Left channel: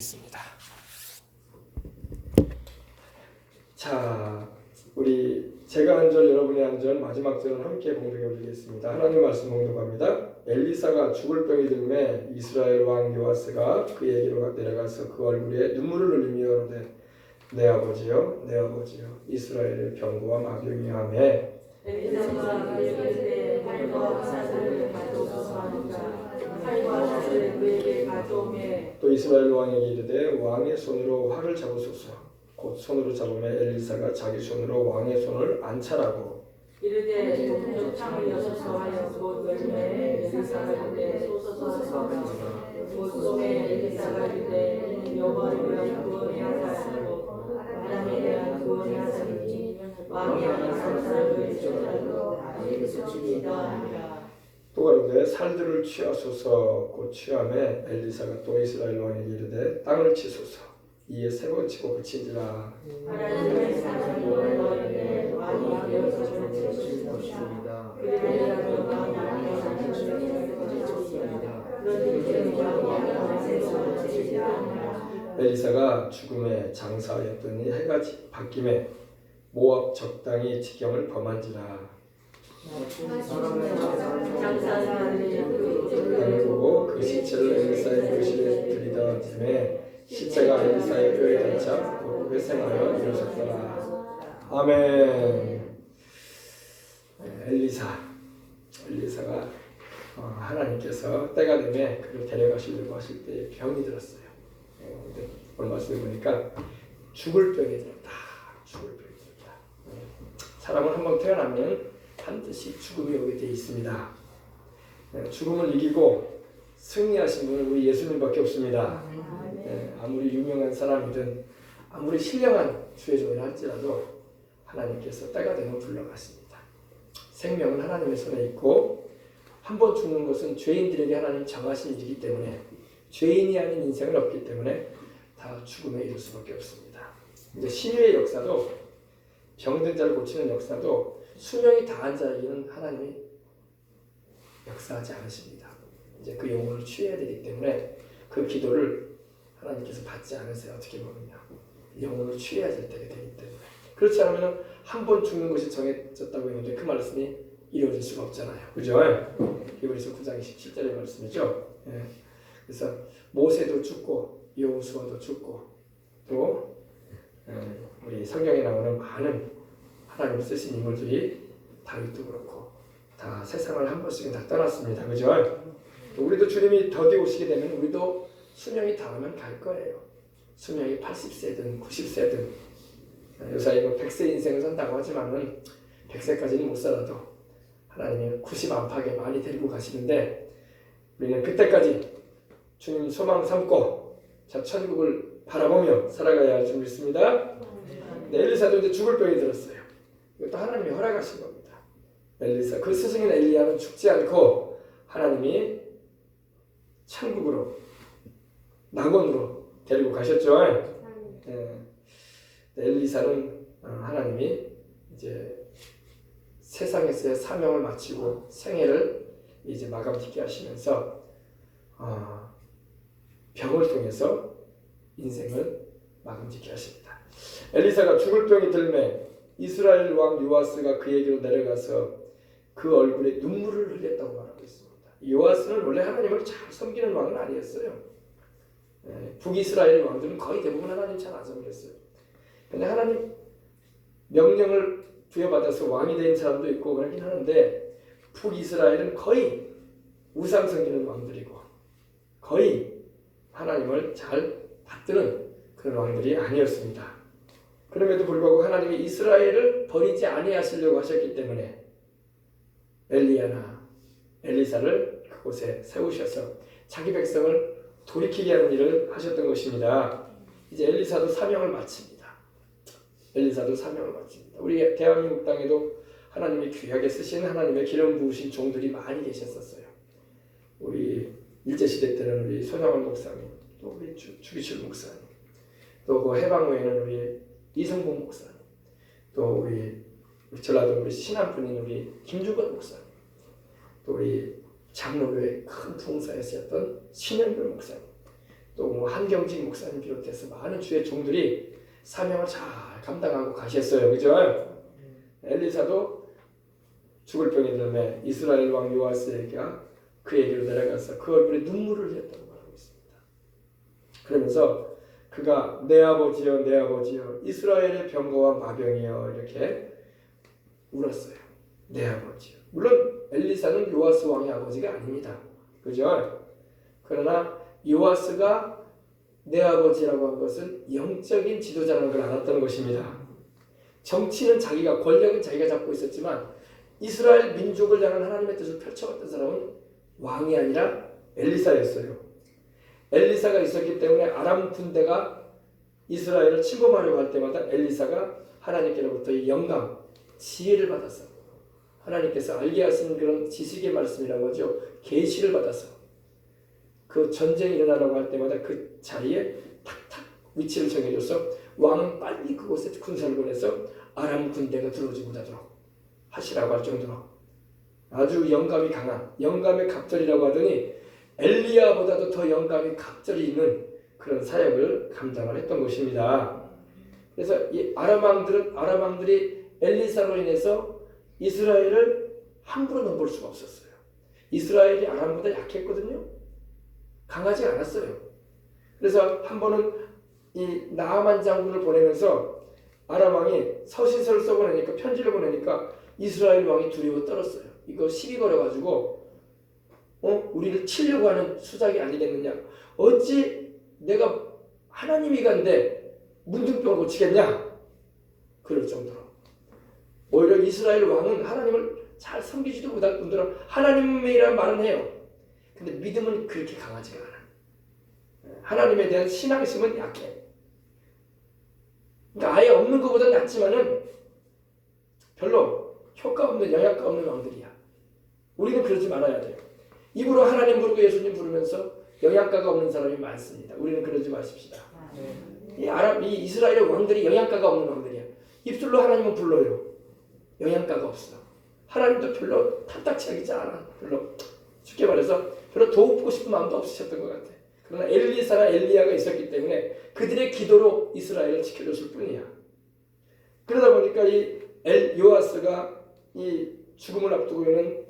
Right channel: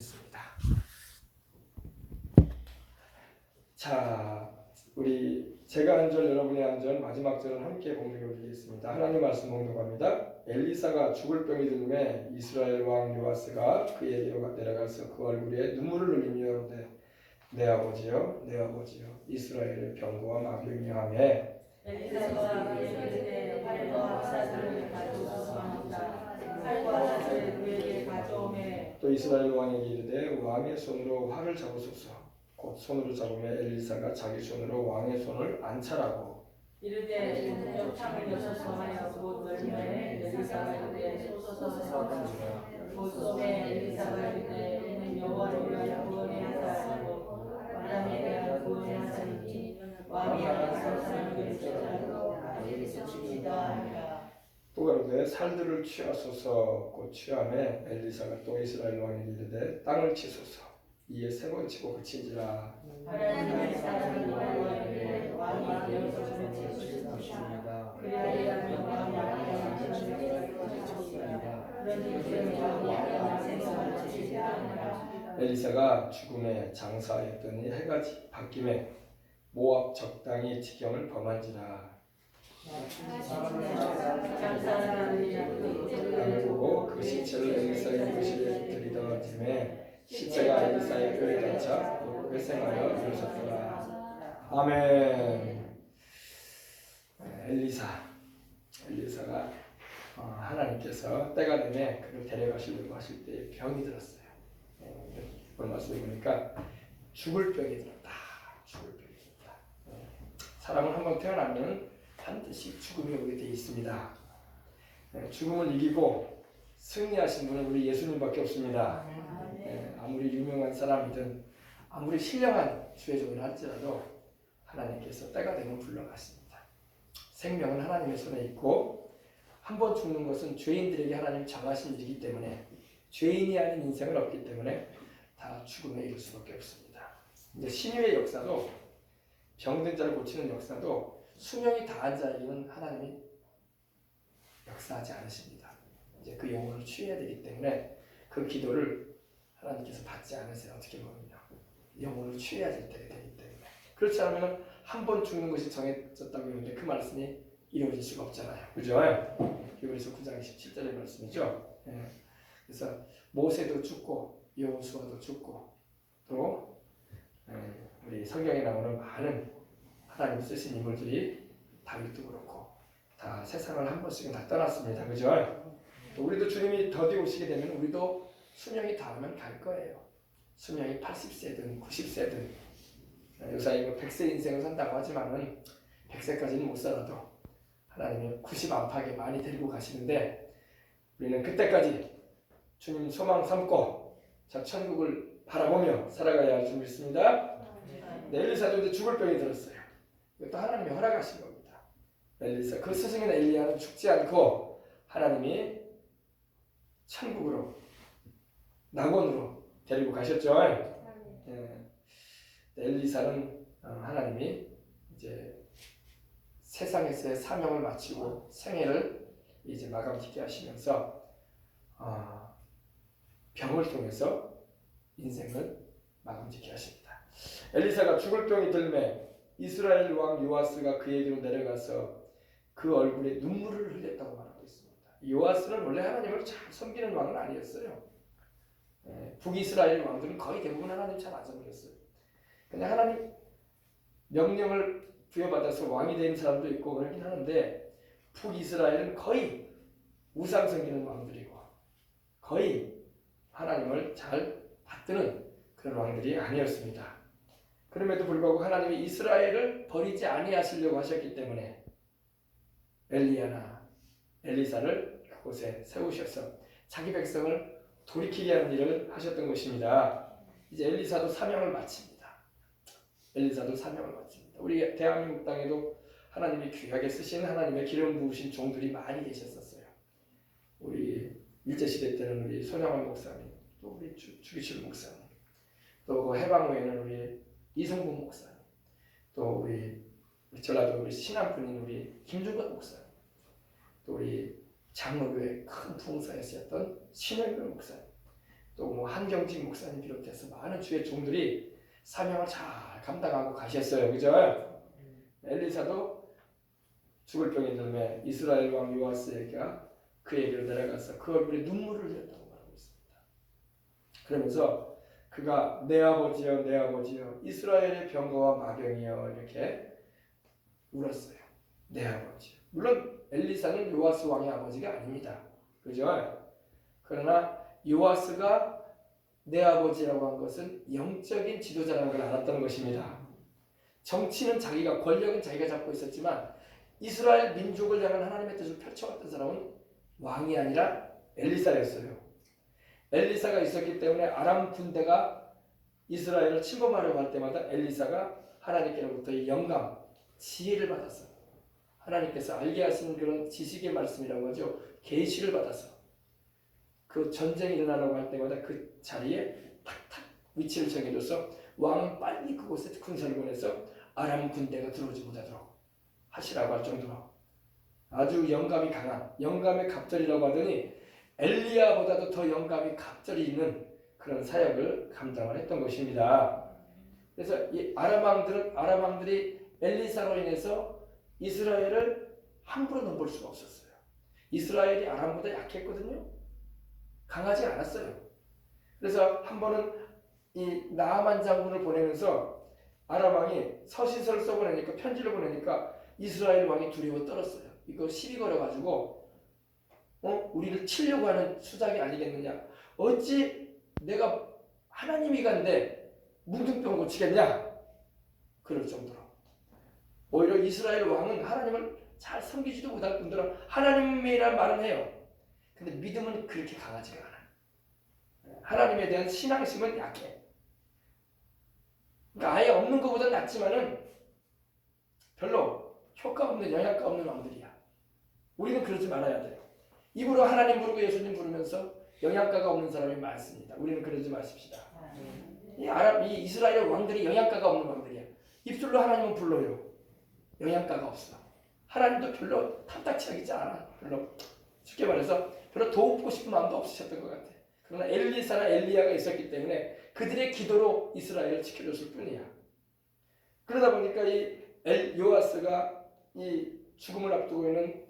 있습니다. 자, 우리 제가 한 절, 여러분이 한 절, 마지막 절은 함께 공독해 보겠습니다. 하나님 말씀 공독합니다. 엘리사가 죽을 병이 들매 이스라엘 왕 요아스가 그에게로 내려가서 그 얼굴에 눈물을 흘리며 이르되 내 아버지여, 내 아버지여, 이스라엘의 병거와 마병이 하매 엘리사가 그에게 활과 사슬을 가져오소서 하는가. 활과 사슬을 그에게 가져오매 또 이스라엘 왕에게 이르되 왕의 손으로 활을 잡으소서. 곧 손으로 잡으며 엘리사가 자기 손으로 왕의 손을 안찰하고 이르되 동쪽 창을 여셔서 하여 곧 열매. 엘리사가 이르되 소서서 하니라. 곧 소매 엘리사가 이르되 이는 여호와를 위하여 구원해야 하시고 바람에 대한 구원해야 하시니 왕이 하나님 사람을 쫓아도 아버지께서 죽이다 하니라. 또 가로되 살들을 취하소서. 곧 취하매 엘리사가 또 이스라엘 왕에게 이르되 땅을 치소서. 이에 세 번 치고 그친지라. 하나님의 사람이 너희에게 왕이 되어서 정치해 주시옵소서. 그들에게 왕이 하나님의 사람을 거두시옵소서. 그러니 그들은 왕이 하나님의 사람을 지시하니라. 엘리사가 죽음에 장사하였더니 해가 바뀜에 모압 적당히 지경을 범한지라. 땅을 보고 그 시체를 엘리사의 묘실에 들이던짐에 시체가 엘리사의 뼈에 닿자 곧 회생하여 일어섰더라. 아멘. 엘리사가 하나님께서 때가 되면 그를 데려가시려고 하실 때 병이 들었어요. 근데 오늘 말씀해 보니까 죽을 병이 들었다. 죽을 병이 들었다. 사람은 한번 태어나면 반드시 죽음이 오게 돼 있습니다. 죽음을 이기고 승리하신 분은 우리 예수님밖에 없습니다. 아무리 유명한 사람이든 아무리 신령한 주의종을 할지라도 하나님께서 때가 되면 불러가십니다. 생명은 하나님의 손에 있고 한 번 죽는 것은 죄인들에게 하나님 정하신 일이기 때문에 죄인이 아닌 인생은 없기 때문에 다 죽음에 이를 수밖에 없습니다. 이제 신유의 역사도 병든 자를 고치는 역사도 수명이 다한 자에게는 하나님이 역사하지 않으십니다. 이제 그 영혼을 취해야 되기 때문에 그 기도를 하나님께서 받지 않으세요. 어떻게 보면요. 영혼을 취해야 될 때가 되기 때문에. 그렇지 않으면 한 번 죽는 것이 정해졌다고 했는데 그 말씀이 이루어질 수가 없잖아요. 그죠? 히브리서 9장 17절의 말씀이죠. 그래서 모세도 죽고 여호수아도 죽고 또 우리 성경에 나오는 많은 하나님 쓰신 인물들이 다윗도 그렇고 다 세상을 한 번씩은 다 떠났습니다. 그죠? 우리도 주님이 더디 오시게 되면 우리도 수명이 닿으면 갈 거예요. 수명이 80세든 90세든 요새 이거 100세 인생을 산다고 하지만은 100세까지는 못 살아도 하나님이 90 안팎에 많이 데리고 가시는데 우리는 그때까지 주님 소망 삼고 자 천국을 바라보며 살아가야 할 줄 믿습니다. 엘리사도 이제 죽을 병이 들었어요. 이것도 하나님이 허락하신 겁니다. 엘리사 그 스승인 엘리야는 죽지 않고 하나님이 천국으로 낙원으로 데리고 가셨죠. 엘리사는 하나님이 이제 세상에서의 사명을 마치고 생애를 이제 마감짓게 하시면서 병을 통해서 인생을 마감짓게 하십니다. 엘리사가 죽을 병이 들매 이스라엘 왕 요아스가 그에게로 내려가서 그 얼굴에 눈물을 흘렸다고 말하고 있습니다. 요아스는 원래 하나님을 잘 섬기는 왕은 아니었어요. 북이스라엘 왕들은 거의 대부분 하나님 잘 안 섬겼어요. 근데 하나님 명령을 부여받아서 왕이 된 사람도 있고 그러긴 하는데 북이스라엘은 거의 우상 섬기는 왕들이고 거의 하나님을 잘 받드는 그런 왕들이 아니었습니다. 그럼에도 불구하고 하나님이 이스라엘을 버리지 아니하시려고 하셨기 때문에 엘리야나 엘리사를 그곳에 세우셔서 자기 백성을 돌이키게 하는 일을 하셨던 것입니다. 이제 엘리사도 사명을 마칩니다. 우리 대한민국 땅에도 하나님이 귀하게 쓰신 하나님의 기름 부으신 종들이 많이 계셨었어요. 우리 일제시대 때는 우리 손영원 목사님, 또 우리 주기철 목사님, 또 그 해방 후에는 우리 이성봉 목사님, 또 우리 전라도 우리 신안분인 우리 김주건 목사님, 또 우리 장로교회 큰 부흥사였었던 신현교 목사님, 또 한경직 목사님 비롯해서 많은 주의 종들이 사명을 잘 감당하고 가셨어요. 그죠? 엘리사도 죽을 병에 들매 이스라엘 왕 요아스에게 그에게로 내려가서 그 얼굴에 눈물을 흘렸다고 말하고 있습니다. 그러면서 그가 내 아버지여 내 아버지여 이스라엘의 병거와 마병이여 이렇게 울었어요. 내 아버지요. 물론 엘리사는 요아스 왕의 아버지가 아닙니다. 그죠? 그러나 요아스가 내 아버지라고 한 것은 영적인 지도자라는 걸 알았던 것입니다. 정치는 자기가, 권력은 자기가 잡고 있었지만 이스라엘 민족을 향한 하나님의 뜻을 펼쳐갔던 사람은 왕이 아니라 엘리사였어요. 엘리사가 있었기 때문에 아람 군대가 이스라엘을 침범하려고 할 때마다 엘리사가 하나님께로부터 이 영감, 지혜를 받았어. 하나님께서 알게 하시는 그런 지식의 말씀이라고 하죠. 계시를 받아서 그 전쟁이 일어나려고 할 때마다 그 자리에 탁탁 위치를 정해줘서 왕은 빨리 그곳에 군사를 보내서 아람 군대가 들어오지 못하도록 하시라고 할 정도로 아주 영감이 강한, 영감의 갑절이라고 하더니 엘리야보다도 더 영감이 갑절이 있는 그런 사역을 감당을 했던 것입니다. 그래서 이 아람 왕들이 엘리사로 인해서 이스라엘을 함부로 넘볼 수가 없었어요. 이스라엘이 아람보다 약했거든요. 강하지 않았어요. 그래서 한 번은 이 나아만 장군을 보내면서 아람 왕이 서신서를 써보내니까, 편지를 보내니까 이스라엘 왕이 두려워 떨었어요. 이거 시비 걸어가지고 우리를 치려고 하는 수작이 아니겠느냐. 어찌 내가 하나님이 간데 문둥병을 고치겠냐. 그럴 정도로 오히려 이스라엘 왕은 하나님을 잘 섬기지도 못할 뿐더러 하나님이란 말은 해요. 근데 믿음은 그렇게 강하지가 않아. 하나님에 대한 신앙심은 약해. 그러니까 아예 없는 것보다 낫지만은 별로 효과 없는, 영향가 없는 왕들이야. 우리는 그러지 말아야 돼요. 입으로 하나님 부르고 예수님 부르면서 영향가가 없는 사람이 많습니다. 우리는 그러지 마십시다. 이 이스라엘 왕들이 영향가가 없는 왕들이야. 입술로 하나님은 불러요. 영향가가 없어. 하나님도 별로 탐탁치 하지 않아. 별로 쉽게 말해서 별로 도우고 싶은 마음도 없으셨던 것 같아. 그러나 엘리사나 엘리야가 있었기 때문에 그들의 기도로 이스라엘을 지켜줬을 뿐이야. 그러다 보니까 이 요아스가 이 죽음을 앞두고 있는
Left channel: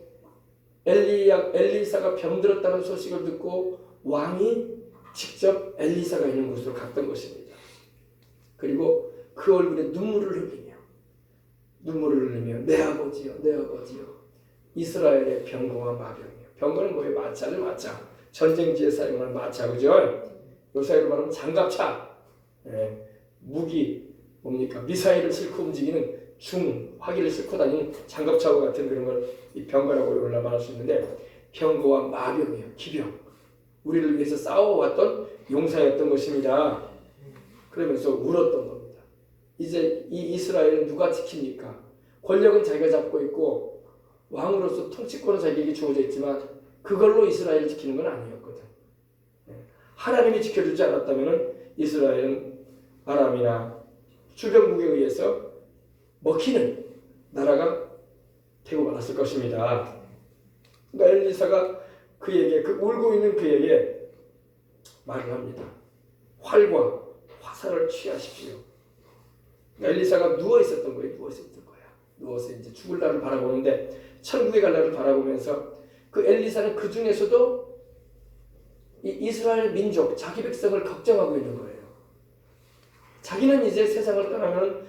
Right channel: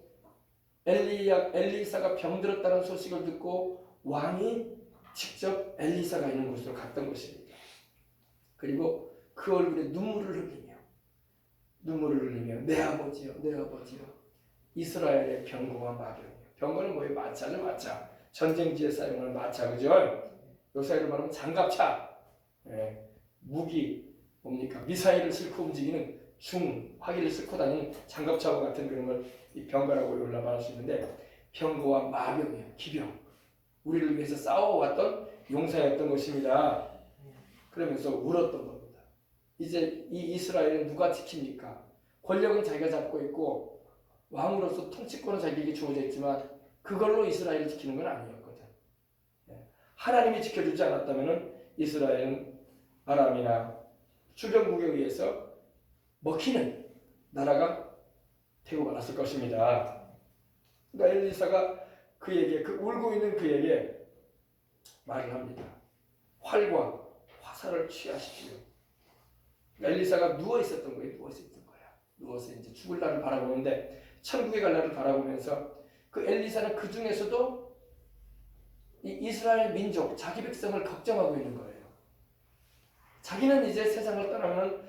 엘리사가 병들었다는 소식을 듣고 왕이 직접 엘리사가 있는 곳으로 갔던 것입니다. 그리고 그 얼굴에 눈물을 흘리며 내 아버지요 내 아버지요 이스라엘의 병거와 마병이요. 병거는 뭐예요? 마차죠. 마차. 전쟁지에 사용하는 마차. 그죠? 요사이로 말하면 장갑차. 무기 뭡니까? 미사일을 싣고 움직이는 화기를 싣고 다니는 장갑차와 같은 그런 걸 이 병거라고 말할 수 있는데, 병거와 마병이요. 기병. 우리를 위해서 싸워왔던 용사였던 것입니다. 그러면서 울었던 겁니다. 이제 이 이스라엘은 누가 지킵니까? 권력은 자기가 잡고 있고 왕으로서 통치권은 자기에게 주어져 있지만 그걸로 이스라엘을 지키는 건 아니었거든. 하나님이 지켜주지 않았다면 이스라엘은 아람이나 주변국에 의해서 먹히는 나라가 되고 말았을 것입니다. 그러니까 엘리사가 그에게, 그 울고 있는 그에게 말을 합니다. 활과 화살을 취하십시오. 그러니까 엘리사가 누워 있었던 거예요. 누워서 이제 죽을 날을 바라보는데, 천국에 갈 날을 바라보면서 그 엘리사는 그 중에서도 이 이스라엘 민족, 자기 백성을 걱정하고 있는 거예요. 자기는 이제 세상을 떠나면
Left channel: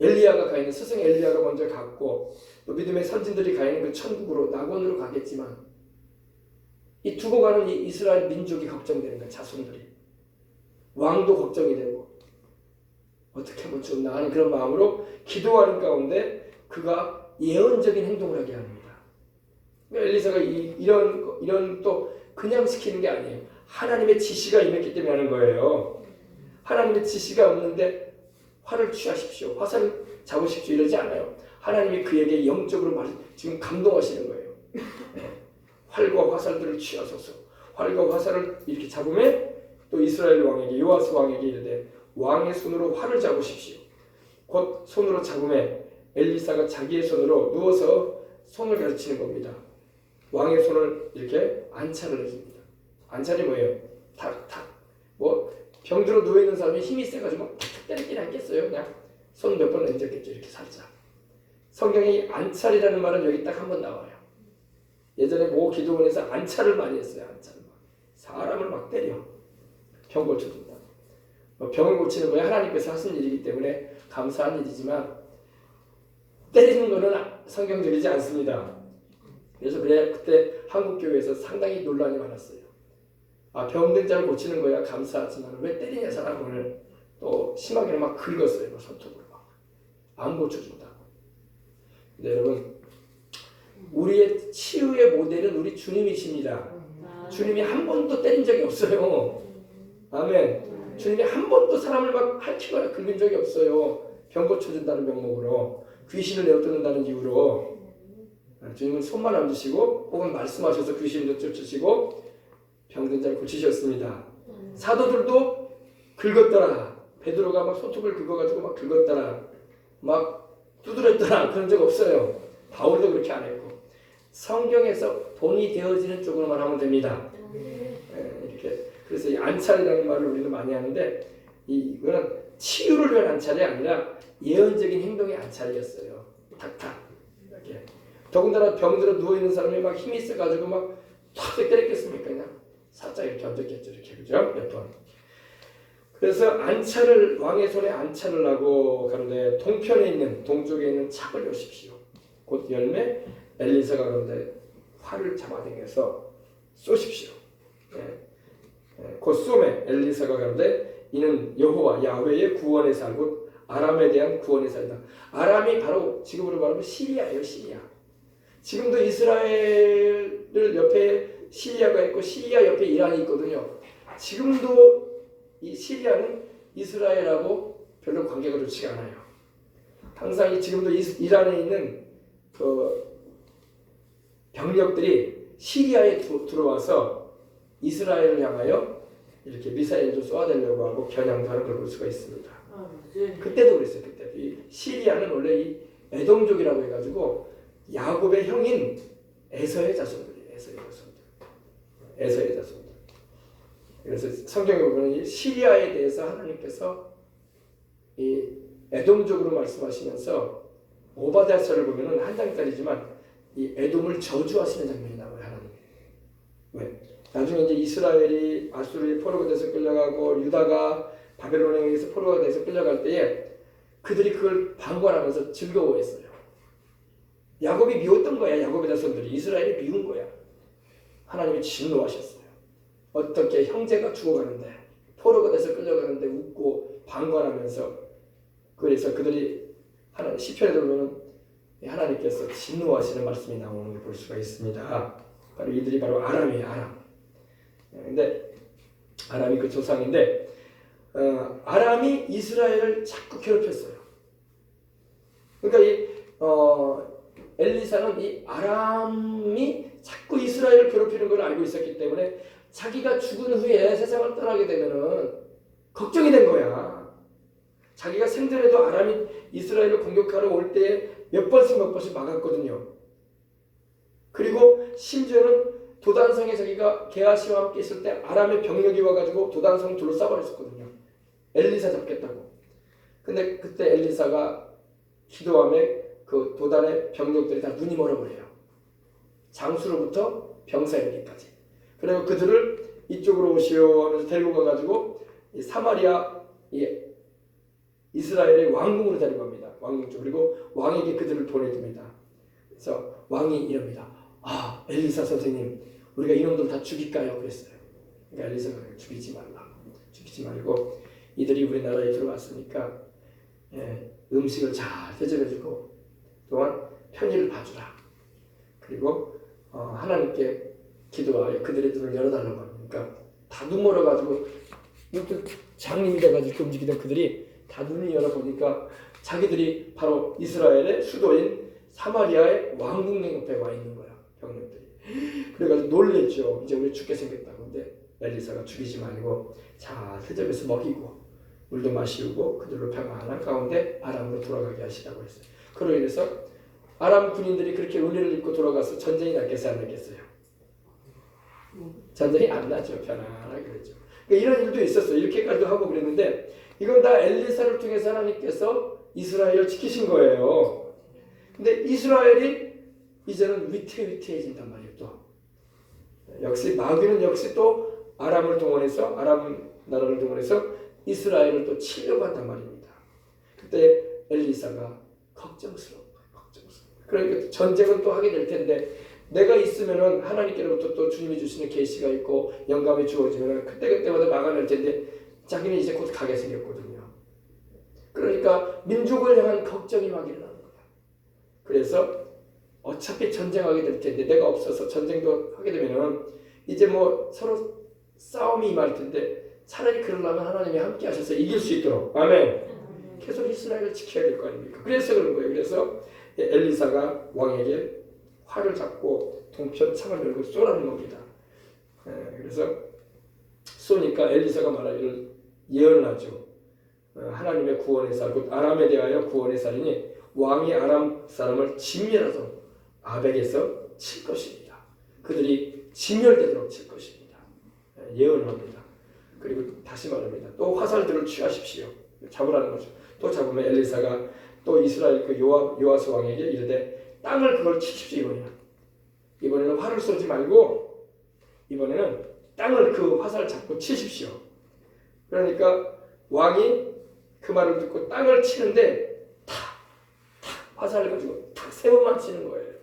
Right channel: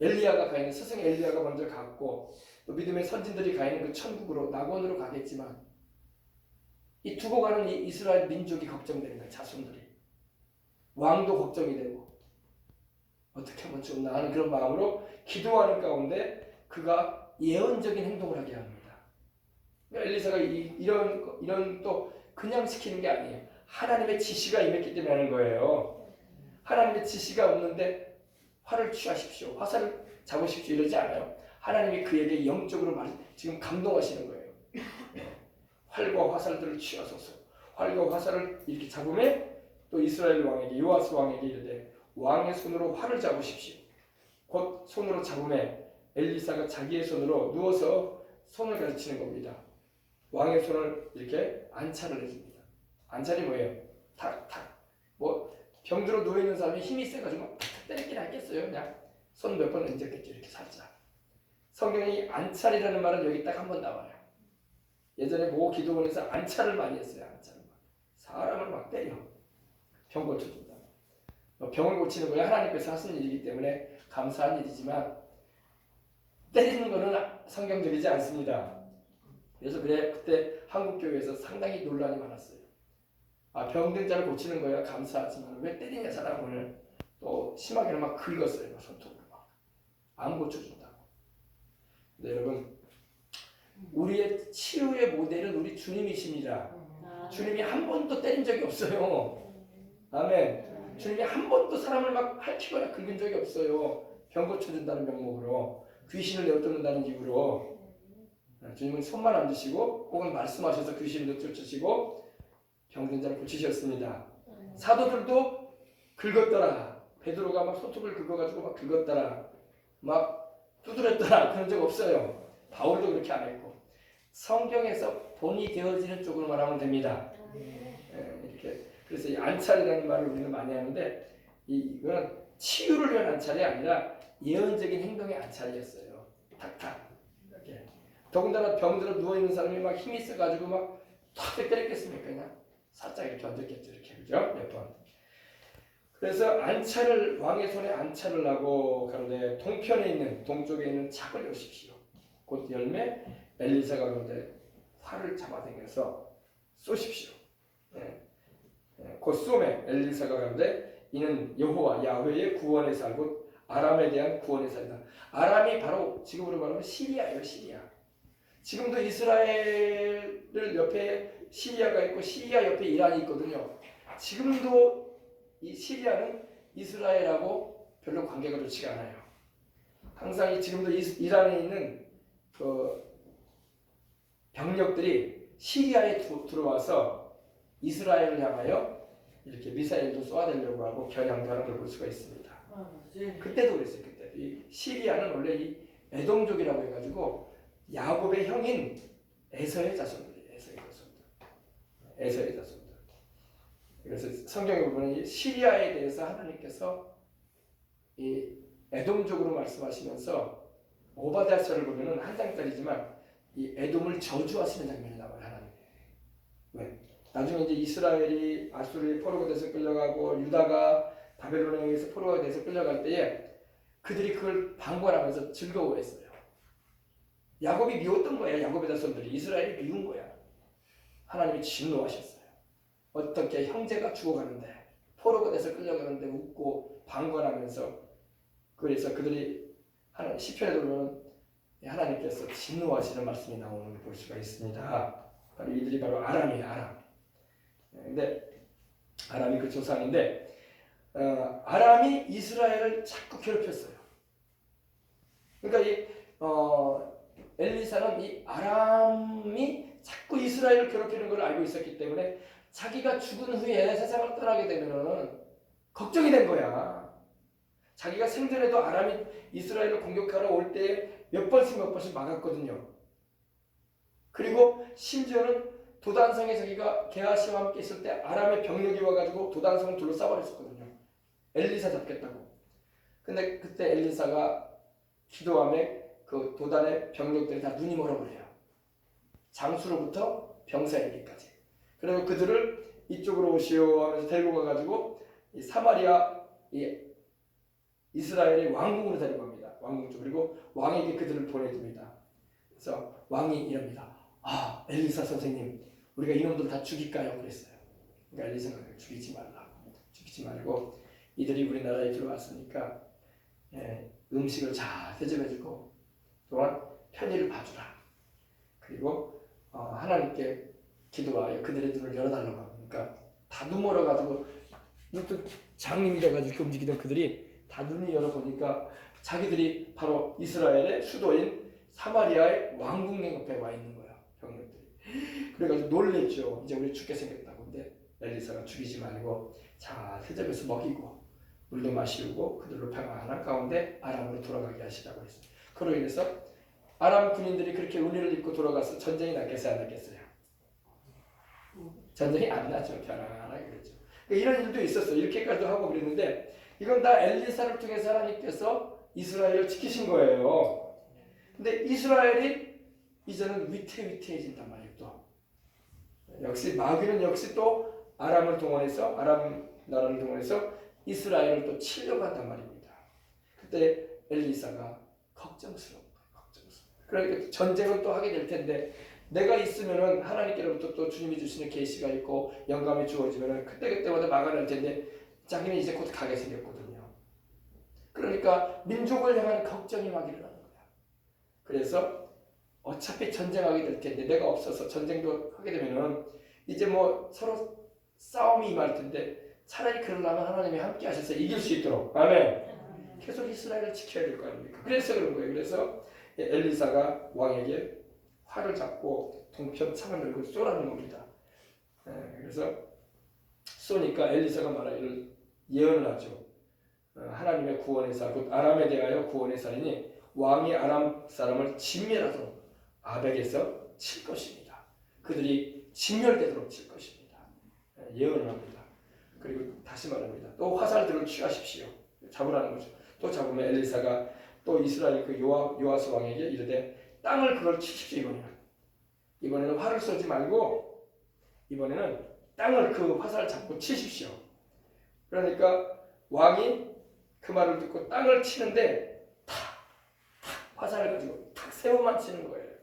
엘리야가 가 있는, 스승 엘리야가 먼저 갔고 또 믿음의 선진들이 가 있는 그 천국으로, 낙원으로 가겠지만 이 두고 가는 이 이스라엘 민족이 걱정되는 거예요. 자손들이. 왕도 걱정이 되고 어떻게 하면 좋나 하는 그런 마음으로 기도하는 가운데 그가 예언적인 행동을 하게 합니다. 엘리사가 이런 또 그냥 시키는 게 아니에요. 하나님의 지시가 임했기 때문에 하는 거예요. 하나님의 지시가 없는데 활을 취하십시오, 화살을 잡으십시오 이러지 않아요. 하나님이 그에게 영적으로 지금 감동하시는 거예요. 활과 화살들을 취하소서. 활과 화살을 이렇게 잡으면 또 이스라엘 왕에게, 요아스 왕에게 이르되 왕의 손으로 활을 잡으십시오. 곧 손으로 잡으면 엘리사가 자기의 손으로 누워서 손을 가르치는 겁니다. 왕의 손을 이렇게 안찰을 해줍니다. 안찰이 뭐예요? 뭐 병들어 누워 있는 사람이 힘이 세가지고 탁탁 때리긴 않겠어요. 그냥 손 몇 번 얹었겠죠. 이렇게 살짝. 성경이 안찰이라는 말은 여기 딱 한 번 나와요. 예전에 모 기도원에서 안찰을 많이 했어요. 안찰을 사람을 막 때려 병 고쳐준다. 병을 고치는 거야 하나님께서 하시는 일이기 때문에 감사한 일이지만 때리는 거는 성경적이지 않습니다. 그래서 그때 한국 교회에서 상당히 논란이 많았어요. 병든 자를 고치는 거야 감사하지만 왜 때리냐 사람을. 또 심하게는 막 긁었어요. 막 손톱으로 막 안 고쳐준다고. 근데 여러분 우리의 치유의 모델은 우리 주님이십니다. 주님이 한 번도 때린 적이 없어요. 아멘. 주님이 한 번도 사람을 막 핥히거나 긁은 적이 없어요. 병 고쳐준다는 명목으로, 귀신을 내어쫓는다는 이유로. 주님은 손만 얹으시고 혹은 말씀하셔서 귀신을 쫓으시고 병든 자를 고치셨습니다. 사도들도 긁었더라. 베드로가 막 손톱을 긁어가지고 막 긁었더라. 막 두드렸더라. 그런 적 없어요. 바울도 그렇게 안 했고. 성경에서 본이 되어지는 쪽으로만 하면 됩니다. 이렇게. 그래서 이 안찰이라는 말을 우리는 많이 하는데 이거는 치유를 위한 안찰이 아니라 예언적인 행동의 안찰이었어요. 탁탁 이렇게. 더군다나 병들어 누워 있는 사람이 막 힘이 있어가지고 막 탁 때렸겠습니까? 그냥 살짝 이렇게 얹었겠죠. 이렇게 그죠? 몇 번. 그래서 안찰을 왕의 손에 안찰을 하고 가는데 동쪽에 있는 착을 여십시오. 곧 열매 엘리사가 그런데 활을 잡아당겨서 쏘십시오. 곧 쏘매 엘리사가 가는데 이는 여호와 야훼의 구원의 살 곧 아람에 대한 구원의 살이다. 아람이 바로 지금으로 말하면 시리아예요. 시리아. 지금도 이스라엘을 옆에 시리아가 있고 시리아 옆에 이란이 있거든요. 지금도 이 시리아는 이스라엘하고 별로 관계가 좋지가 않아요. 항상 지금도 이란에 있는 그 병력들이 시리아에 들어와서 이스라엘을 향하여 이렇게 미사일도 쏘아대려고 하고 겨냥도 하는 걸 볼 수가 있습니다. 그때도 그랬어요. 그때 이 시리아는 원래 이 에돔족이라고 해가지고 야곱의 형인 에서의 자손들이에요. 에서의 자손들. 그래서 성경에 보면 이 시리아에 대해서 하나님께서 이 에돔족으로 말씀하시면서 오바댜서를 보면은 한 장짜리지만 이 에돔을 저주하시는 장면이 나와요. 하나님. 왜? 나중에 이제 이스라엘이 아수르의 포로가 돼서 끌려가고 유다가 바벨론에 의해서 포로가 돼서 끌려갈 때에 그들이 그걸 방관하면서 즐거워했어요. 야곱이 미웠던 거야. 야곱의 자손들이 이스라엘이 미운 거야. 하나님이 진노하셨어요. 어떻게 형제가 죽어가는데 포로가 돼서 끌려가는데 웃고 방관하면서. 그래서 그들이 하나님 시편에 보면 하나님께서 진노하시는 말씀이 나오는 걸 볼 수가 있습니다. 바로 이들이 바로 아람이에요. 아람. 근데 아람이 그 조상인데 아람이 이스라엘을 자꾸 괴롭혔어요. 그러니까 엘리사는 이 아람이 자꾸 이스라엘을 괴롭히는 걸 알고 있었기 때문에 자기가 죽은 후에 세상을 떠나게 되면은 걱정이 된 거야. 자기가 생전에도 아람이 이스라엘을 공격하러 올 때 몇 번씩 막았거든요. 그리고 심지어는 도단성에 자기가 게하시와 함께 있을 때 아람의 병력이 와가지고 도단성을 둘러싸버렸었거든요. 엘리사 잡겠다고. 근데 그때 엘리사가 기도함에 그 도단의 병력들이 다 눈이 멀어버려요. 장수로부터 병사에게까지. 그리고 그들을 이쪽으로 오시오 하면서 데리고 가가지고 이 사마리아 이스라엘의 왕궁으로 데리고 갑니다. 왕궁 쪽. 그리고 왕에게 그들을 보내줍니다. 그래서 왕이 이럽니다. 엘리사 선생님, 우리가 이놈들 다 죽일까요? 그랬어요. 그러니까 엘리사가 죽이지 말라. 죽이지 말고 이들이 우리나라에 들어왔으니까 음식을 잘 대접해주고 또한 편의를 봐주라. 그리고 하나님께 기도하여 그들의 눈을 열어달라고 합니다. 다 눈 멀어가지고 장님이 돼가지고 이렇게 움직이던 그들이 다 눈을 열어보니까 자기들이 바로 이스라엘의 수도인 사마리아의 왕궁 옆에 와 있는 거야. 병력들이. 그래가지고 놀랬죠. 이제 우리 죽게 생겼다고. 근데 엘리사가 죽이지 말고 잘 대접해서 먹이고 물도 마시고 그들로 평안한 가운데 아람으로 돌아가게 하시라고 했어요. 그로 인해서 아람 군인들이 그렇게 은혜를 입고 돌아가서 전쟁이 났겠어요? 안 났겠어요? 전쟁이 안 나죠. 편안하게 그랬죠. 그러니까 이런 일도 있었어요. 이렇게까지도 하고 그랬는데 이건 다 엘리사를 통해서 하나님께서 이스라엘을 지키신 거예요. 근데 이스라엘이 이제는 위태위태해진단 말이에요. 또 역시 마귀는 역시 또 아람을 동원해서 아람 나라를 동원해서 이스라엘을 또 치려고 한단 말입니다. 그때 엘리사가 걱정스러워. 그러니까 전쟁은 또 하게 될 텐데 내가 있으면은 하나님께로부터 또 주님이 주시는 계시가 있고 영감이 주어지면은 그때마다 막아낼 텐데 자기는 이제 곧 가게 생겼거든요. 그러니까 민족을 향한 걱정이 막 일어나는 거야. 그래서 어차피 전쟁하게 될 텐데 내가 없어서 전쟁도 하게 되면은 이제 뭐 서로 싸움이 임할 텐데 차라리 그러려면 하나님이 함께 하셔서 이길 수 있도록 아멘. 계속 이스라엘을 지켜야 될 거 아닙니까? 그래서 그런 거예요. 그래서 엘리사가 왕에게 활을 잡고 동편 창을 열고 쏘라는 겁니다. 그래서 쏘니까 엘리사가 말하기를 예언을 하죠. 하나님의 구원의 살, 곧 아람에 대하여 구원의 살이니 왕이 아람 사람을 진멸하도록 아벡에서 칠 것입니다. 그들이 진멸되도록 칠 것입니다. 예언을 합니다. 그리고 다시 말합니다. 또 화살들을 취하십시오. 잡으라는 거죠. 또 잡으면 엘리사가 또 이스라엘 그 요아스 왕에게 이르되 땅을 그걸 치십시오. 이번에는 활을 쏘지 말고 이번에는 땅을 그 화살을 잡고 치십시오. 그러니까 왕이 그 말을 듣고 땅을 치는데 탁 화살을 가지고 탁 세 번만 치는 거예요.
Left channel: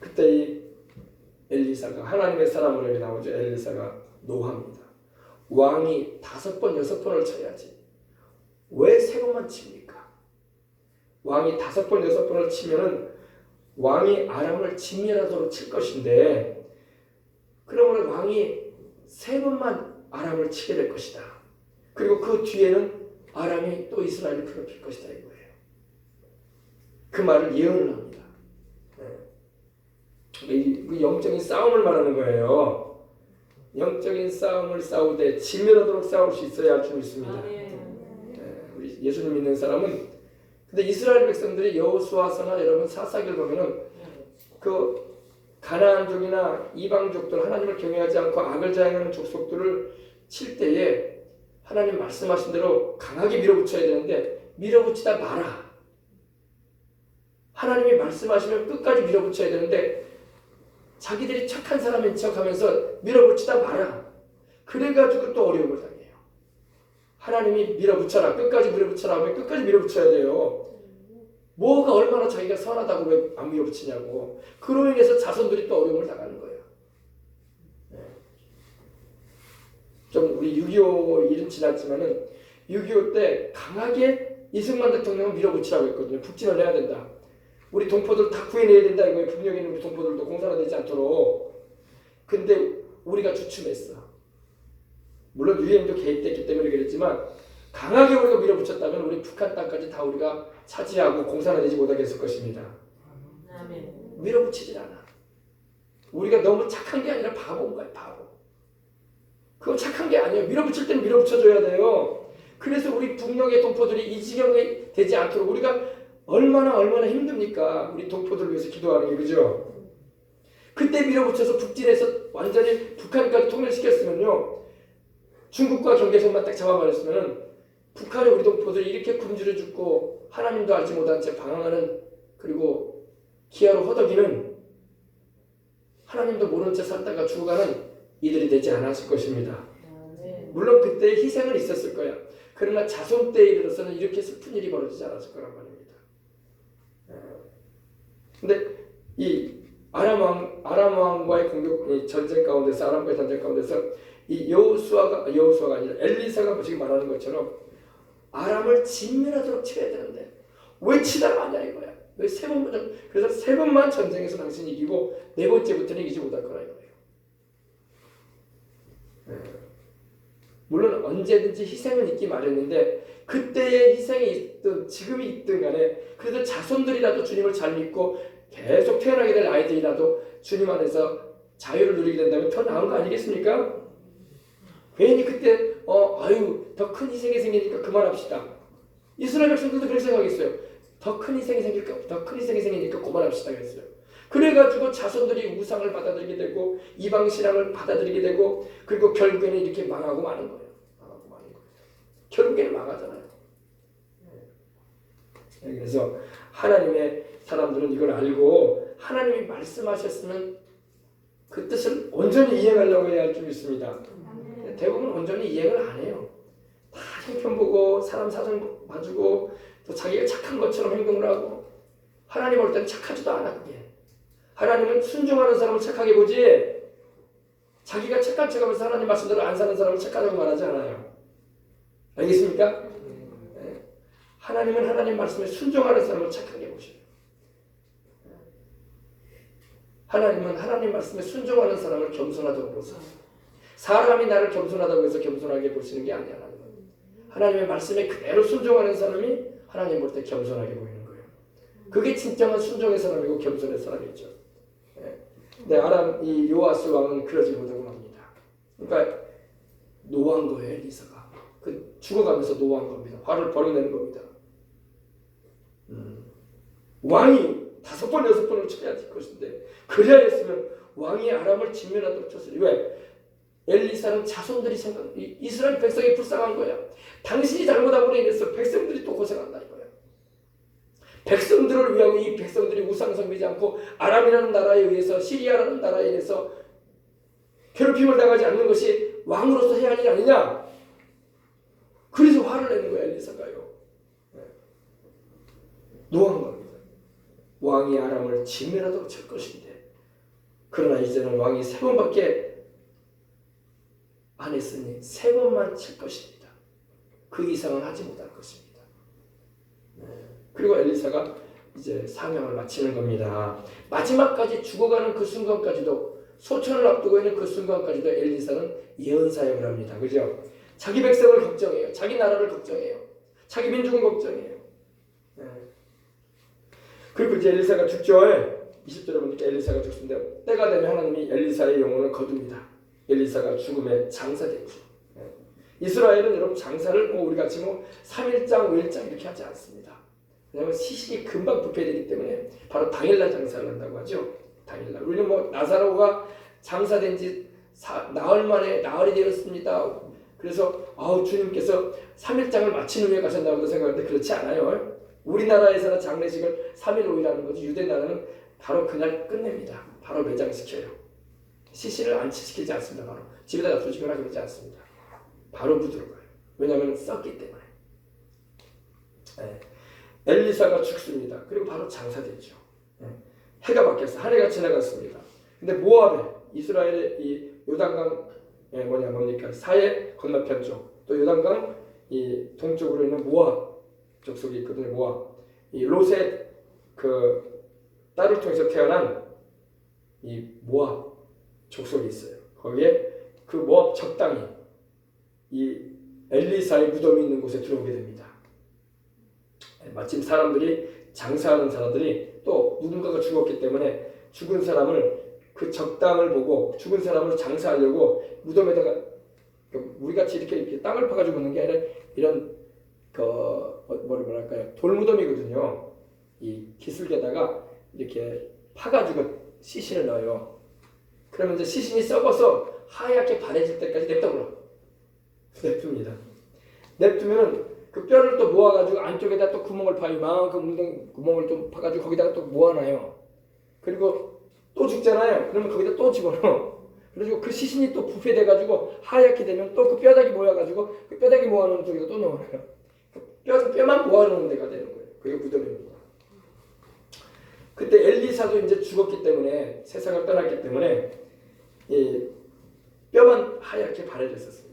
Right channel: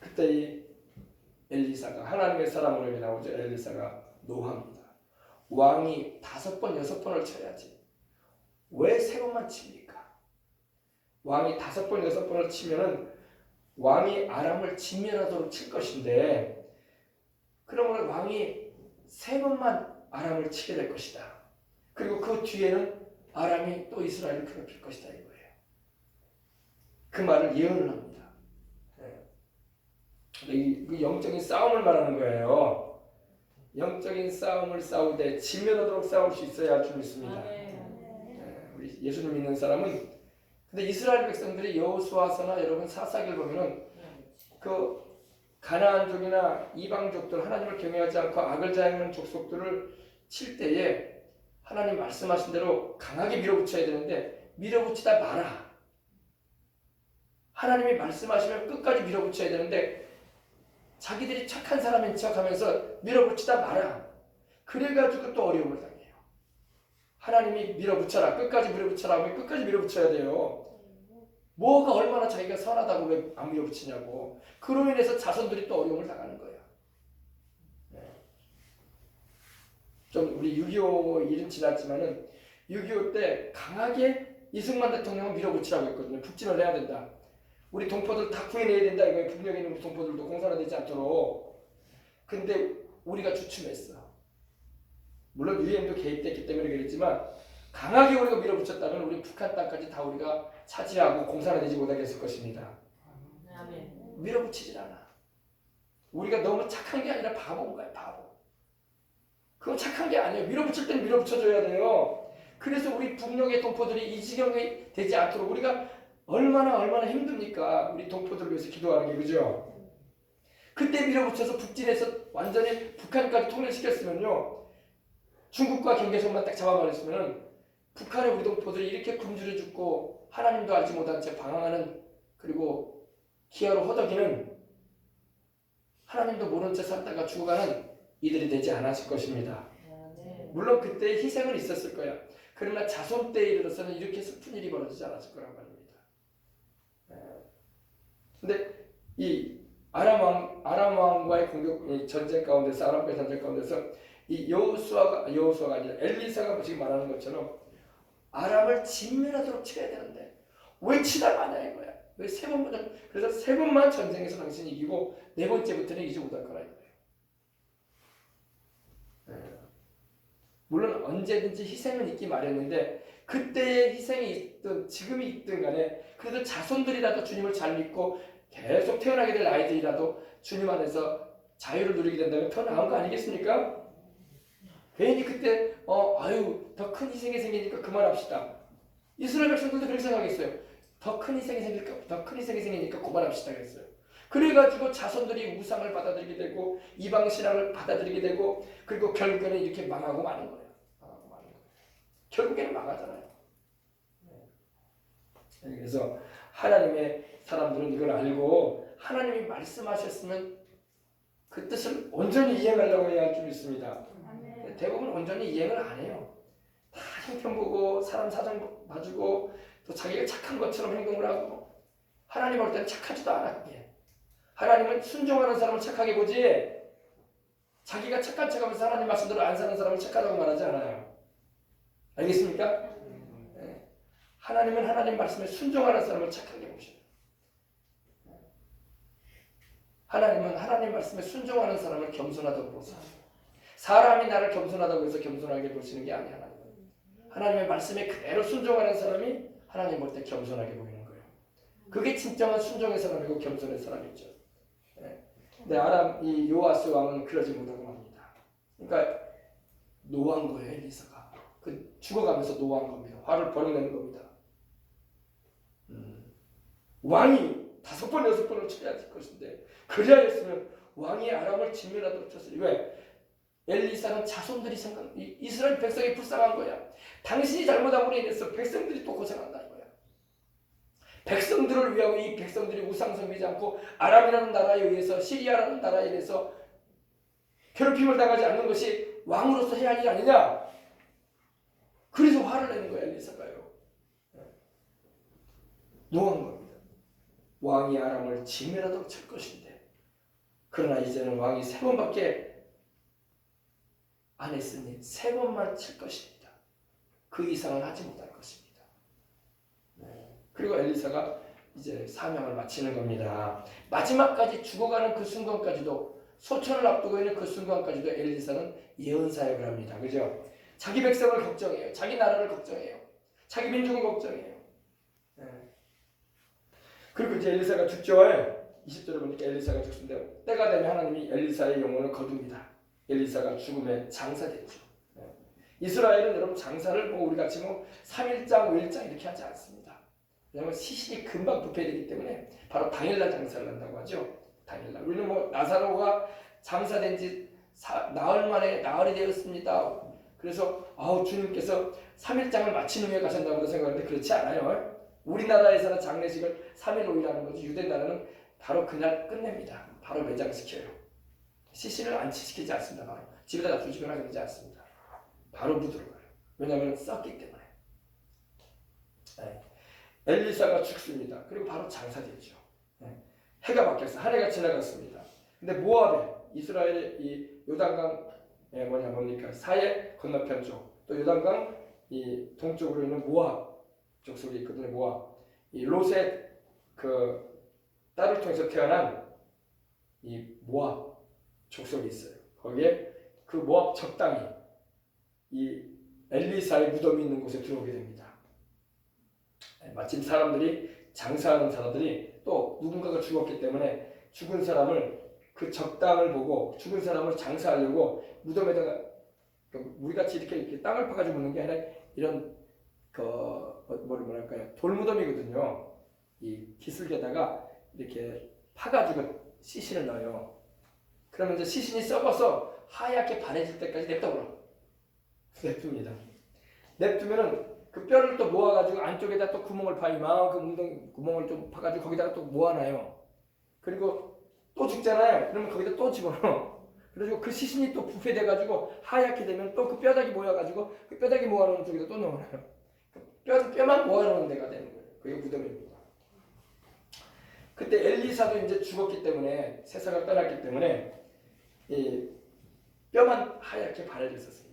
그때 이 엘리사가 하나님의 사람으로 나오죠. 엘리사가 노합니다. 왕이 5번 6번을 쳐야지 왜 3번만 칩니까? 왕이 5번 6번을 치면은 왕이 아람을 진멸하도록 칠 것인데 그러면 왕이 3번만 아람을 치게 될 것이다. 그리고 그 뒤에는 아람이 또 이스라엘을 괴롭힐 것이다 이거예요. 그 말을 예언을 합니다. 이 영적인 싸움을 말하는 거예요. 영적인 싸움을 싸우되 진멸하도록 싸울 수 있어야 할 줄 믿습니다. 우리 예수님 믿는 사람은 근데 이스라엘 백성들이 여호수아서나 여러분 사사기를 보면은 그 가나안족이나 이방족들 하나님을 경외하지 않고 악을 자행하는 족속들을 칠 때에 하나님 말씀하신 대로 강하게 밀어붙여야 되는데 밀어붙이다 마라. 하나님이 말씀하시면 끝까지 밀어붙여야 되는데 자기들이 착한 사람인 척하면서 밀어붙이다 마라. 그래가지고 또 어려움을 당해요. 하나님이 밀어붙여라. 끝까지 밀어붙여라 하면 끝까지 밀어붙여야 돼요. 뭐가 얼마나 자기가 선하다고 왜 안 밀어붙이냐고. 그로 인해서 자손들이 또 어려움을 당하는 거예요. 좀 우리 6.25 일은 지났지만은 6.25 때 강하게 이승만 대통령은 밀어붙이라고 했거든요. 북진을 해야 된다. 우리 동포들 다 구해내야 된다 이거예요. 북녘에 있는 우리 동포들도 공산화되지 않도록. 근데 우리가 주춤했어. 물론 유엔도 개입됐기 때문에 그랬지만 강하게 우리가 밀어붙였다면 우리 북한 땅까지 다 우리가 차지하고 공산화되지 못하게 했을 것입니다. 밀어붙이질 않아. 우리가 너무 착한 게 아니라 바보인 거야. 바보. 그건 착한 게 아니에요. 밀어붙일 때는 밀어붙여줘야 돼요. 그래서 우리 북녘의 동포들이 이 지경에 되지 않도록 우리가 얼마나 힘듭니까? 우리 동포들 위해서 기도하는 게 그죠? 그때 밀어붙여서 북진해서 완전히 북한까지 통일시켰으면요. 중국과 경계선만 딱 잡아버렸으면 북한의 우리 동포들이 이렇게 굶주려 죽고 하나님도 알지 못한 채 방황하는 그리고 기아로 허덕이는 하나님도 모른 채 살다가 죽어가는 이들이 되지 않았을 것입니다. 물론 그때 희생은 있었을 거야. 그러나 자손 때에 이르러서는 이렇게 슬픈 일이 벌어지지 않았을 거란 말입니다. 근데 이 아람 왕과의 공격 전쟁 가운데서 아람과의 전쟁 가운데서 이 여호수아가 아니라 엘리사가 지금 말하는 것처럼 아람을 진멸하도록 쳐야 되는데 왜 치다 마냐 이거야. 왜 3번만 그래서 3번만 전쟁에서 당신이 이기고 4번째부터는 이기지 못할 거라 이거예요. 물론 언제든지 희생은 있기 마련인데 그때의 희생이 있든 지금이 있든 간에 그래도 자손들이라도 주님을 잘 믿고 계속 태어나게 될 아이들이라도 주님 안에서 자유를 누리게 된다면 더 나은 거 아니겠습니까? 괜히 그때 더 큰 희생이 생기니까 그만합시다. 이스라엘 백성들도 그렇게 생각했어요. 더 큰 희생이 생기니까 그만합시다 그랬어요. 그래가지고 자손들이 우상을 받아들이게 되고 이방 신앙을 받아들이게 되고 그리고 결국에는 이렇게 망하고 마는 거예요. 망하고 마는 거예요. 결국에는 망하잖아요. 그래서 하나님의 사람들은 이걸 알고 하나님이 말씀하셨으면 그 뜻을 온전히 이행하려고 해야 할 줄 믿습니다. 대부분 온전히 이행을 안 해요. 다 형편 보고 사람 사정 봐주고 또 자기가 착한 것처럼 행동을 하고 하나님 볼 때는 착하지도 않아. 그게 하나님은 순종하는 사람을 착하게 보지 자기가 착한 척하면서 하나님 말씀대로 안 사는 사람을 착하다고 말하지 않아요. 알겠습니까? 네. 하나님은 하나님 말씀에 순종하는 사람을 착하게 보셔요. 하나님은 하나님 말씀에 순종하는 사람을 겸손하다고 보세요. 사람이 나를 겸손하다고 해서 겸손하게 보시는 게 아니야. 하나님의 말씀에 그대로 순종하는 사람이 하나님 볼 때 겸손하게 보이는 거예요. 그게 진정한 순종의 사람이고 겸손의 사람이죠. 근데 아람 이 요아스 왕은 그러지 못하고 맙니다. 그러니까 노한 거예요. 엘리사가 그 죽어가면서 노한 겁니다. 화를 버럭내는 겁니다. 왕이 5번 6번을 쳐야 될 것인데 그래야 했으면 왕이 아람을 진멸하도록 쳤어요. 왜? 엘리사는 자손들이 이스라엘 백성이 불쌍한 거야. 당신이 잘못함으로 인해서 백성들이 또 고생한다 이거야. 백성들을 위하고 이 백성들이 우상 섬기지 않고 아람이라는 나라에 의해서 시리아라는 나라에 의해서 괴롭힘을 당하지 않는 것이 왕으로서 해야 할 일 아니냐. 그래서 화를 내는 거야 엘리사가요. 노한 겁니다. 왕이 아람을 진멸하도록 칠 것인데 그러나 이제는 왕이 3번밖에 안 했으니 3번만 칠 것입니다. 그 이상은 하지 못할 것입니다. 그리고 엘리사가 이제 사명을 마치는 겁니다. 마지막까지 죽어가는 그 순간까지도 소천을 앞두고 있는 그 순간까지도 엘리사는 예언 사역을 합니다. 그죠? 자기 백성을 걱정해요. 자기 나라를 걱정해요. 자기 민족을 걱정해요. 그리고 이제 엘리사가 죽죠. 20절에 보니까 엘리사가 죽습니다. 때가 되면 하나님이 엘리사의 영혼을 거둡니다. 엘리사가 죽음에 장사됐죠. 이스라엘은 여러분 장사를 우리 같이 3일장, 5일장 이렇게 하지 않습니다. 왜냐하면 시신이 금방 부패되기 때문에 바로 당일날 장사를 한다고 하죠. 당일날. 우리는 나사로가 장사된 지 나흘 만에 나흘이 되었습니다. 그래서 주님께서 3일장을 마친 후에 가셨나보다 생각하는데 그렇지 않아요. 우리나라에서는 장례식을 3일 5일 하는 거지 유대 나라는 바로 그날 끝냅니다. 바로 매장시켜요. 시신을 안치시키지 않습니다. 바로 집에다 놔두거나 그러지 않습니다. 바로 묻으러 가요. 왜냐하면 썩기 때문에. 엘리사가 죽습니다. 그리고 바로 장사되죠. 해가 바뀌었어요. 한 해가 지나갔습니다. 근데 모압에 이스라엘의 이 요단강 뭡니까 사해 건너편 쪽, 또 요단강 이 동쪽으로 있는 모압 족속이 있거든요. 모압 이 롯의 그 딸을 통해서 태어난 이 모압 족속이 있어요. 거기에 그 모압 적당히 이 엘리사의 무덤이 있는 곳에 들어오게 됩니다. 마침 사람들이 장사하는 사람들이 또 누군가가 죽었기 때문에 죽은 사람을 그 적당을 보고 죽은 사람을 장사하려고 무덤에다가 우리 같이 이렇게 땅을 파가지고 묻는 게 아니라 이런 뭐랄까요 돌무덤이거든요. 이 기슭에다가 이렇게 파가지고 시신을 넣어요. 그러면 이제 시신이 썩어서 하얗게 바래질 때까지 냅둡니다. 냅두면은 그 뼈를 또 모아가지고 안쪽에다 또 구멍을 파요. 이만큼 구멍을 좀 파가지고 거기다가 또 모아놔요. 그리고 또 죽잖아요. 그러면 거기다 또 집어넣어. 그래가지고 그 시신이 또 부패돼가지고 하얗게 되면 또 그 뼈다귀 모여가지고 그 뼈다귀 모아놓은 쪽에다 또 넣어놔요. 뼈만 모아놓은 데가 되는 거예요. 그게 무덤입니다. 그때 엘리사도 이제 죽었기 때문에 세상을 떠났기 때문에 이 뼈만 하얗게 바래졌었습니다.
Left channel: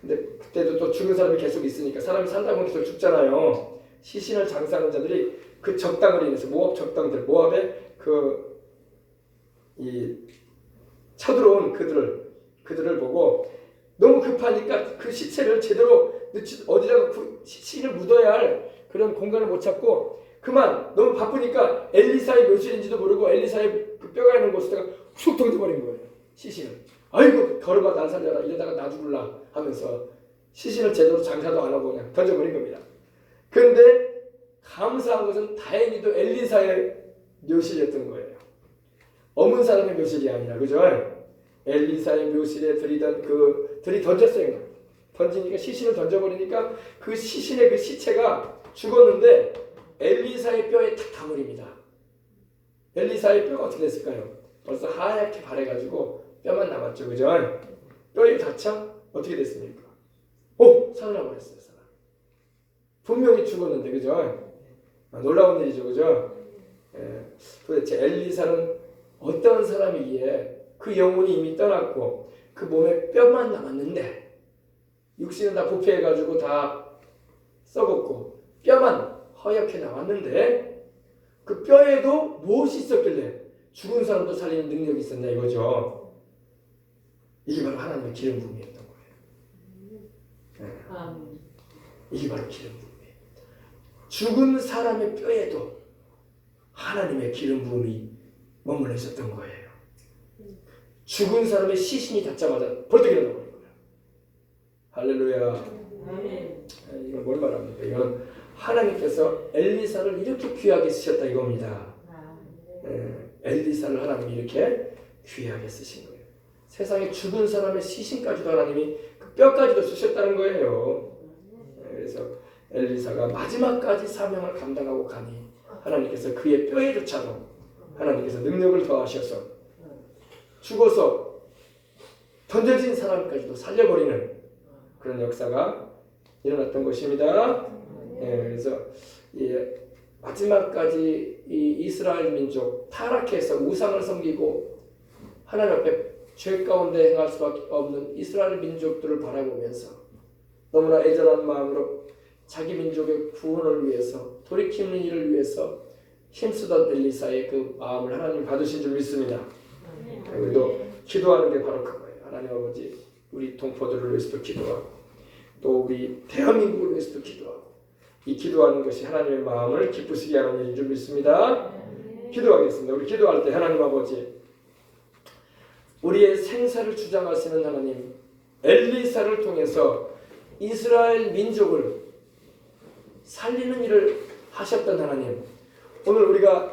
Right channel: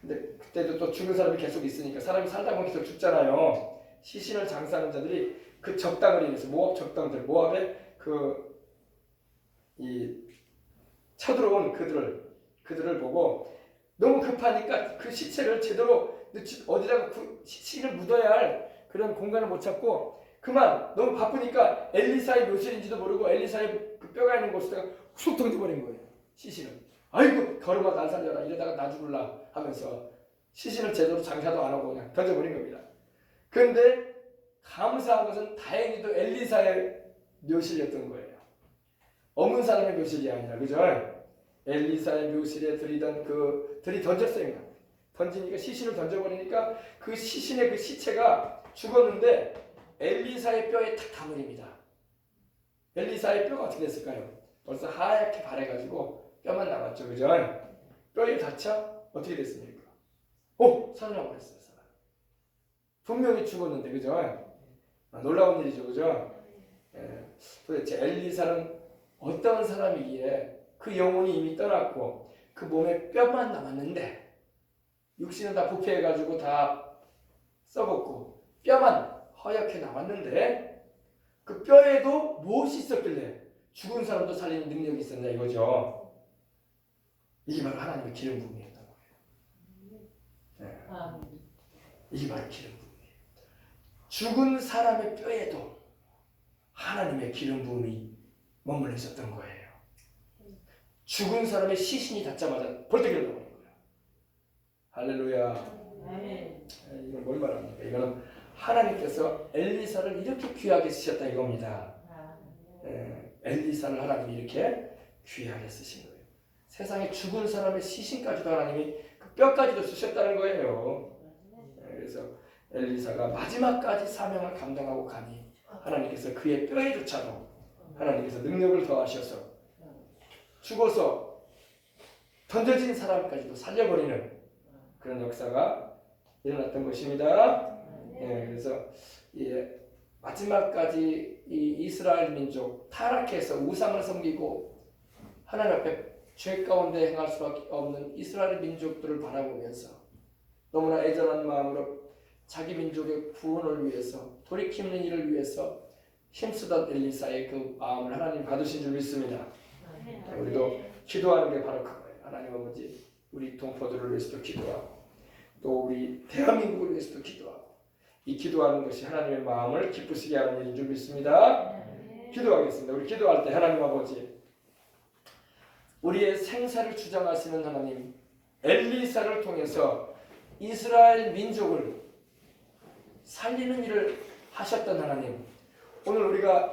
근데 그때도 또 죽은 사람이 계속 있으니까 사람이 살다 보면 계속 죽잖아요. 시신을 장사하는 자들이 그 적당을 인해서 모압 적당들, 모압의 이 쳐들어온 그들을 보고 너무 급하니까 그 시체를 제대로 어디다가 시신을 묻어야 할 그런 공간을 못 찾고 그만 너무 바쁘니까 엘리사의 묘실인지도 모르고 엘리사의 그 뼈가 있는 곳에다가 훅 던져버린 거예요. 시신을. 아이고 걸음아 날 살려라 이러다가 나 죽을라 하면서 시신을 제대로 장사도 안 하고 그냥 던져버린 겁니다. 그런데 감사한 것은 다행히도 엘리사의 묘실이었던 거예요. 어문 사람의 묘실이 아니라, 그죠? 엘리사의 묘실에 들이 던졌어요. 던지니까 시신을 던져버리니까 그 시신의 그 시체가 죽었는데 엘리사의 뼈에 탁 다물입니다. 엘리사의 뼈가 어떻게 됐을까요? 벌써 하얗게 바래가지고 뼈만 남았죠, 그죠? 뼈에 닿자 어떻게 됐습니까? 살아나버렸어요. 사람. 분명히 죽었는데, 그죠? 놀라운 일이죠, 그죠? 도대체 엘리사는 어떤 사람이기에 그 영혼이 이미 떠났고 그 몸에 뼈만 남았는데 육신은 다 부패해가지고 다 썩었고 뼈만 허옇게 나왔는데 그 뼈에도 무엇이 있었길래 죽은 사람도 살리는 능력이 있었냐 이거죠. 이게 바로 하나님의 기름 부음이었던 거예요. 이게 바로 기름 부음이에요. 죽은 사람의 뼈에도 하나님의 기름 부음이 머물러 있었던 거예요. 죽은 사람의 시신이 닿자마자 벌떡 일어나 버린 거예요. 할렐루야. 이건 뭘 말합니까? 이건 하나님께서 엘리사를 이렇게 귀하게 쓰셨다 이겁니다. 엘리사를 하나님이 이렇게 귀하게 쓰신 거예요. 세상에 죽은 사람의 시신까지도 하나님이 그 뼈까지도 주셨다는 거예요. 그래서 엘리사가 마지막까지 사명을 감당하고 가니 하나님께서 그의 뼈에조차도 하나님께서 능력을 더하셔서 죽어서 던져진 사람까지도 살려버리는 그런 역사가 일어났던 것입니다. 그래서 마지막까지 이 이스라엘 민족 타락해서 우상을 섬기고 하나님 앞에 죄 가운데 행할 수밖에 없는 이스라엘 민족들을 바라보면서 너무나 애절한 마음으로 자기 민족의 구원을 위해서 돌이키는 일을 위해서 힘쓰던 엘리사의 그 마음을 하나님 받으신 줄 믿습니다. 우리도 기도하는 게 바로 그거예요. 하나님 아버지, 우리 동포들을 위해서도 기도하고 또 우리 대한민국을 위해서도 기도하고 이 기도하는 것이 하나님의 마음을 기쁘시게 하는 일인 줄 믿습니다. 기도하겠습니다. 우리 기도할 때 하나님 아버지, 우리의 생사를 주장하시는 하나님, 엘리사를 통해서 이스라엘 민족을 살리는 일을 하셨던 하나님, 오늘 우리가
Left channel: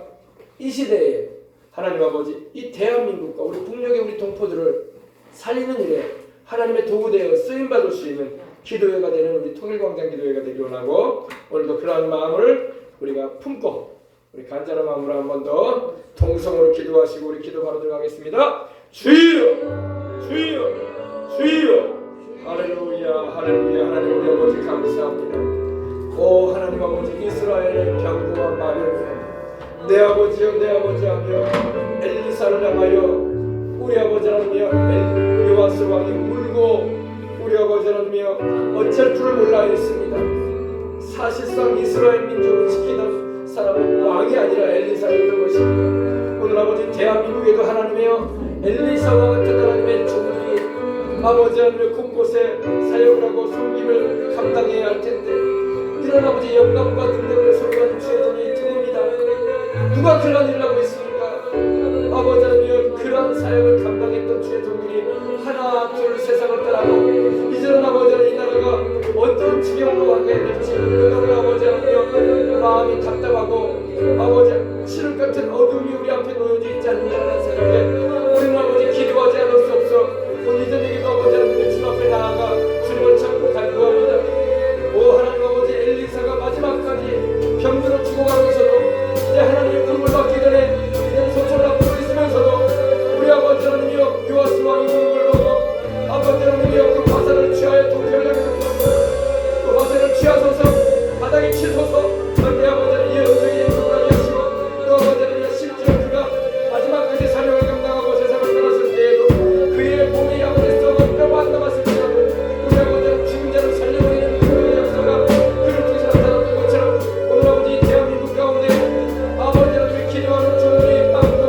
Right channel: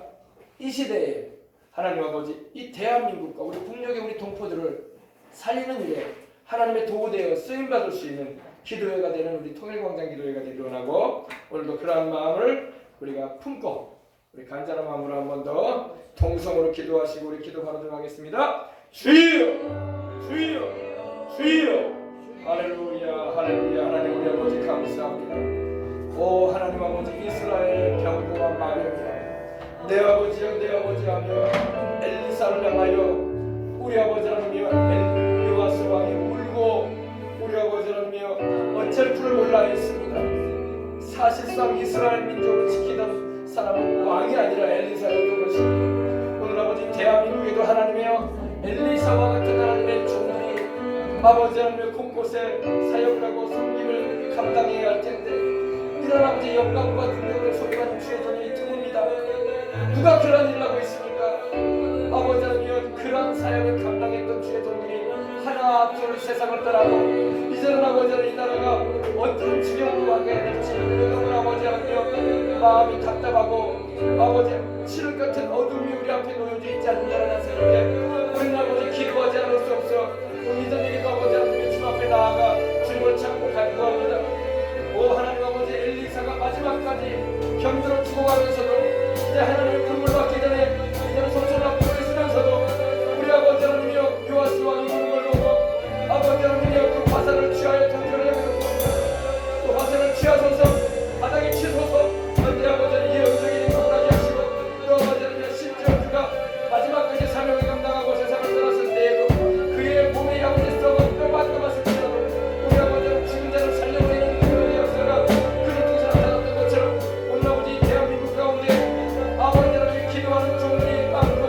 이 시대에 하나님 아버지 이 대한민국과 우리 북녘의 우리 동포들을 살리는 일에 하나님의 도구되어 쓰임받을 수 있는 기도회가 되는 우리 통일광장 기도회가 되기 원하고 오늘도 그러한 마음을 우리가 품고 우리 간절한 마음으로 한 번 더 통성으로 기도하시고 우리 기도 바로 들어가겠습니다. 주여 주여 주여 할렐루야 할렐루야. 하나님 우리 아버지 감사합니다. 오 하나님 아버지 이스라엘의 병거와 마병이여 내 아버지여 내 아버지 하며 엘리사를 향하여 우리 아버지 하나님이여 요아스 왕이 울고 우리 아버지 하나님이여 어쩔 줄을 몰라 했습니다. 사실상 이스라엘 민족을 지키던 사람은 왕이 아니라 엘리사였던 것입니다. 오늘 아버지 대한민국에도 하나님이여 엘리사와 같은 하나님의 종들이 아버지 하나님의 곳곳에 사역을 하고 섬김을 감당해야 할 텐데 이런 아버지 영광과 능력을 소유하는 주의 종이 드뭅니다. 누가 그런 일을 하고 있습니까? 아버지 하나님 그런 사역을 감당했던 주의 종들이 하나 둘 세상을 떠나고 이제는 아버지 하나님 이 나라가 어떤 지경으로 가게 될지 너무 아버지 하나님 마음이 답답하고 아버지 치를 같은 어둠이 우리 앞에 놓여져 있지 않느냐는 생각에 우리는 아버지 기도하지 않을 수 없어 오늘 저녁에도 아버지 하나님의 주 앞에 나아가 주님을 찾고 간구합니다. 오 하나님 아버지 엘리사가 마지막까지 병들어 죽어가면서도 이제 하나님의 눈물 받기 전에 이제는 손sol라고 있으면서도 우리 아버지 하나님이여 요아스 왕이 눈물을 보고 아버지 하나님이여 그 화살을 취하여 도피하려고 그 화살을 취하소서 바닥에 치소서 내 아버지는 이 영적인 건강이 하시고 또 아버지 하나님이여 심지어 그가 마지막까지 사명을 감당하고 세상을 떠났을 때에도 그의 몸이 아버지 썩은 뼈가 안 남았을지라도 우리 아버지는 죽은 자를 살려버리는 그런 역사가 그를 통해서 나타났던 것처럼 오늘 아버지 대한민국 가운데 아버지 하나님의 기도하는 종들이 많고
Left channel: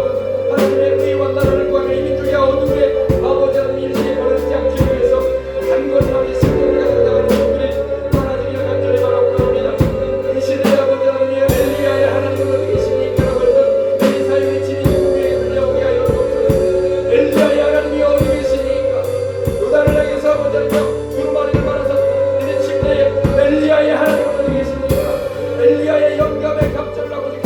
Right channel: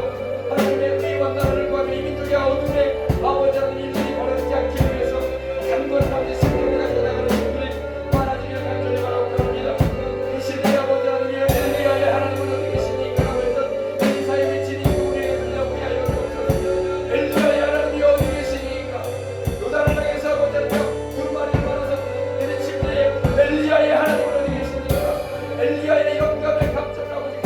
하나님의 의와 나라를 구하며 이 민족의 어둠에 아버지 하나님 일들이 벌어지지 않기 위해서 단거리 아버지 생명을 가지고 나가는 종들이 많아지기를 간절히 바라옵니다. 이 시대에 아버지 하나님의 엘리야의 하나님은 어디 계시니까 라고 했던 엘리사의 외침이 우리에게 들려오게 하여 주옵소서. 엘리야의 하나님이 어디 계시니까 요단을 향해서 아버지 하나님 두루마리를 말아서 너네 침대에 엘리야의 하나님은 어디 계십니까? 엘리야의 영감의 감정을 아버지